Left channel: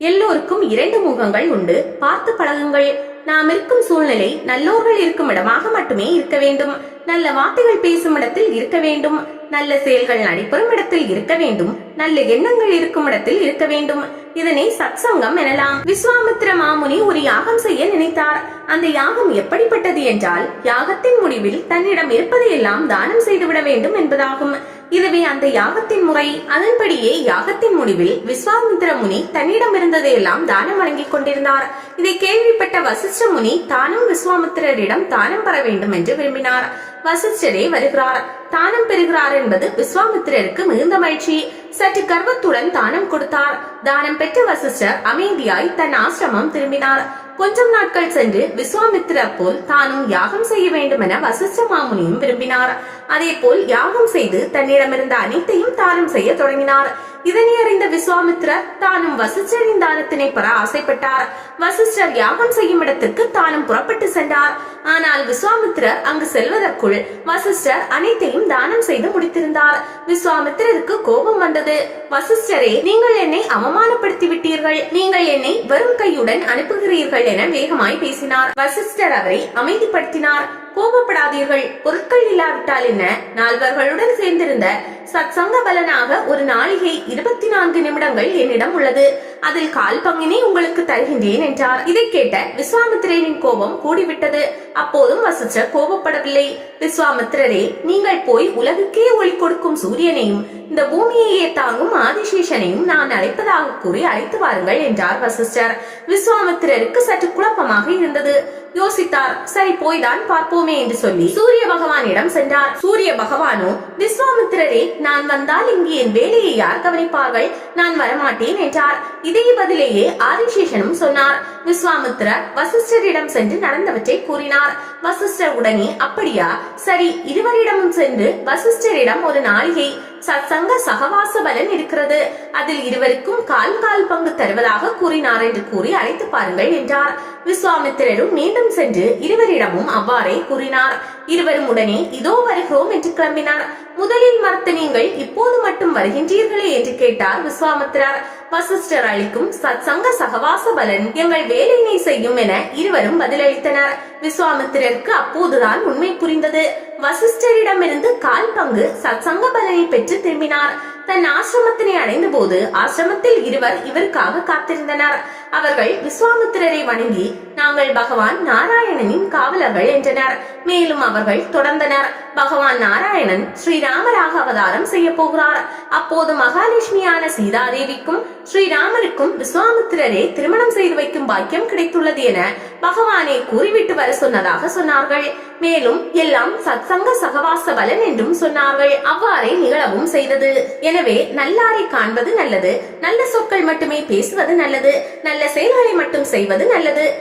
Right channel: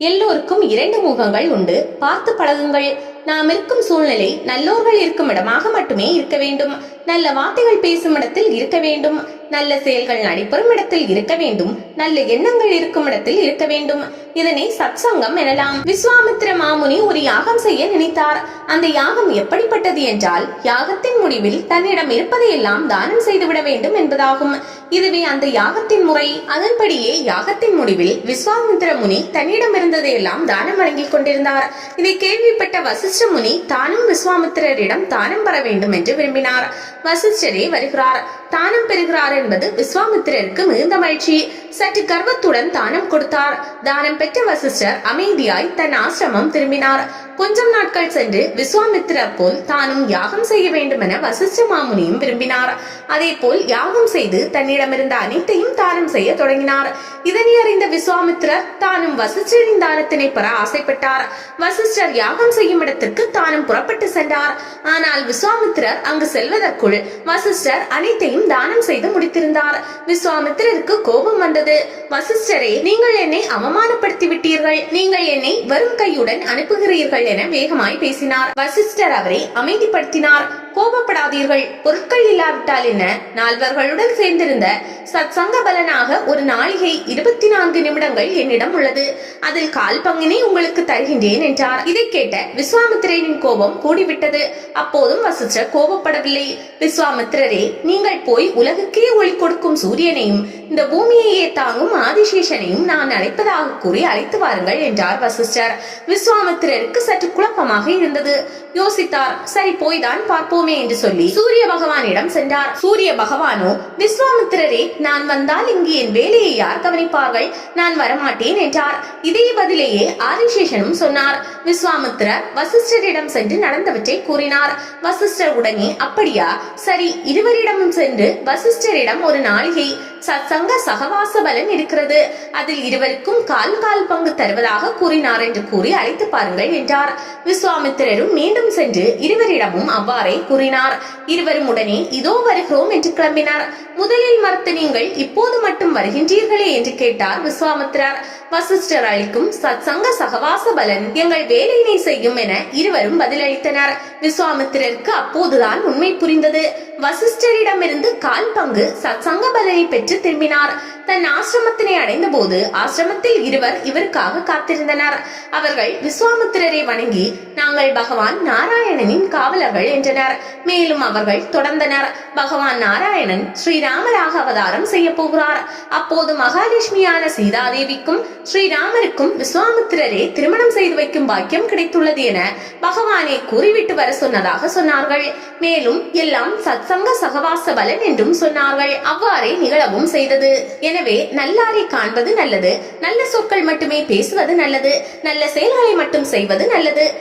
எல்லோருக்கும் இரண்டு முகங்கள் உண்டு, பார்த்து பழகுங்கள். நாம் இருக்கும் சூழ்நிலை நல்லோர்கள் இருக்கும் இடமாக மட்டுமே இருக்க வேண்டும். நல்ல வார்த்தைகள் பேசும் இடத்தில் இருக்க வேண்டும். நல்ல செயல்கள் நடைபெறும் இடத்தில் இருக்க வேண்டும். நல்ல எண்ணங்கள் இருக்கும் இடத்தில் இருக்க வேண்டும். இதனை சத்சங்கம் எனலாம். விஸ்வாமித்திர மாமுனி ஒரு யாகம் செய்ய நினைத்தார். அந்த யாகம் எப்படிப்பட்டது என்றால், யாகத்தின் முடிவில் தன்னிடம் இருப்பதையெல்லாம் தானம் செய்துவிட வேண்டும் என்பதாகும். இதுவே அந்த யாகத்தின் முறை. அதன்படியே யாகத்தின் முடிவில் விஸ்வாமித்திர முனி தன்னிடம் இருந்ததையெல்லாம் தானம் வழங்கிக் கொண்டிருந்தார். இதை கேள்விப்பட்ட வசிஷ்ட முனி தானும் விஸ்வாமித்திரரிடம் தானம் பெற வேண்டும் என்று விரும்பினார். வசிஷ்டரே வருகிறார், தானம் பெறுகிறார் என்பது விஸ்வாமித்திரருக்கு மிகுந்த மகிழ்ச்சி. சற்று கர்வத்துடன் தானம் கொடுத்தார். தானம் பெற்ற வசிஷ்டர் அமைதியாய் தன் ஆசிரமம் திரும்பினார். கொஞ்சம் நாட்கள் சென்று விஸ்வாமித்திரர் போல் தானும் யாகம் செய்ய வேண்டும் என வசிஷ்ட மாமுனியும் விரும்பினார். அதே போல் யாகம் செய்து தன்னிடமிருந்த அனைத்தையும் தானம் செய்ய தொடங்கினார். இதனை அறிந்த விஸ்வாமித்திரர் தானும் வசிஷ்டரின் தானத்தினை பெற ஆசைப்பட்டார். வசிஷ்டர் யாகம் செய்யும் இடத்திற்கு தானும் புறப்பட்டு சென்றார். ஆனால் விஸ்வாமித்திரர் அங்கு செல்வதற்குள் வசிஷ்டர் அனைத்தையும் தானம் செய்து முடித்திருந்தார். விஸ்வாமித்திரருக்கு கோபம் வந்தது. வசிஷ்டரே, நீங்கள் என்னை அவமானப்படுத்தி விட்டீர்கள். நீங்கள் என்னை வெறும் கையுடன் அனுப்புகிறீர்கள் என வேகமாய் பேசினார். வசிஷ்டர் அவரை அமைதிப்படுத்தினார். கோபப்படாதீர்கள், பொருட்கள் இல்லாவிட்டால் என்ன, நால்வர்களுடன் சேர்ந்திருந்த சத்சங்க பலனாக ஒரு நாளிகை 24 நிமிடங்கள் என்னிடம் உள்ளது. அதில் கால் பங்கினை உங்களுக்கு தருகின்றேன் என்றார். இதை கேட்ட விஸ்வாமித்திரரின் கோபம் கூடிவிட்டது. அப்போதும் வசிஷ்டர் கோபப்படவில்லை. விஸ்வாமித்திரரே, நீங்கள் போய் உலகுக்கே ஒளி கொடுக்கும் சூரியனையும் இந்த பூமியையே தாங்கும் ஆதிசேஷனையும் நான் அழைப்பதாக கூறி அழைத்து வாருங்கள் என்றார் வசிஷ்டர். விஸ்வாமித்திரருக்கு சற்று குழப்பமாக இருந்தது. யோசித்தார். சரி, போய்தான் பார்ப்போமே என்று சொல்லி சூரிய பகவானிடம் சென்றார். சூரிய பகவானோ, விஸ்வாமித்திரரே, நான் வந்தால் இங்கு என் வேலையை யார் கவனிப்பார்கள்? நான் வரமாட்டேன் என்றார். இதே பதிலேயே ஆதிசேஷனும் சொன்னார். விஸ்வாமித்திரர் வசிஷ்டரிடம் சென்று நடந்தவற்றை கூறினார். வசிஷ்டர் உடனே, அப்படியா, சரி, இருவரிடமும் சென்று வசிஷ்டரிடம் ஒரு நாளிகை சத்சங்க சகவாச பலன் இருக்கிறது, அதில் இருவருக்கும் கால் கால் பங்கு தருவதாக கூறினார் என்று கூறி அழைத்து பாருங்கள் என்றார். விஸ்வாமித்திரரும் மீண்டும் சென்று இருவரிடமும் அவ்வாறே கூறினார். இருவரும் உடனே இதோ வருகிறோம் என்று கிளம்பினார். முதலில் மறுத்து நீங்கள் இப்போது மட்டும் வருகின்றீர்களே என்று கேட்டார் விஸ்வாமித்திரர். வசிஷ்டர் அளிக்கும் சத்சங்க சகவாச பலன் எங்கள் வேலையினை செய்யும் என இருவரும் பதிலளித்தனர். விஸ்வாமித்திரருக்கு அப்போதுதான் உண்மை புரிந்தது. வசிஷ்டரிடமிருந்து கால் பங்கு சத்சங்க பலனை பெற்று திரும்பினார். தன் ஆசிரமத்தினை அடைந்த போது ஆசிரமத்தில் இருவர் இவருக்காக காத்திருந்தனர். அவர்கள் விஸ்வாமித்திரரை வணங்கி, நாங்கள் பகவான் நாராயணனின் காவலர்கள் என்றனர். மேலும் அவர்கள் தொடர்ந்தனர். பகவான் நாராயணன் ஸ்ரீராமராக அவதாரம் செய்ய போகிறார். அப்போது மகாலட்சுமியான சீதாதேவிக்கும் ஸ்ரீராமருக்கும் விஸ்வாமித்திரரே திருமணம் செய்து வைக்கும் பாக்கியம் கிடைத்துள்ளது என பகவானே கூறிவிட்டு வர சொன்னதாக சொன்னார்கள். மேலும் எல்லாம் சத்சங்க சகவாச பலன் என்றும் சொன்னார்கள். அவ்வாறே நிகழவும் செய்தது. எனவே நல்லாரை காண்பது நல்லது, நல்ல சொற்கள் மட்டுமே பேசுவது நல்லது, நல்ல செயல்களை மட்டும் செய்வது நல்லது.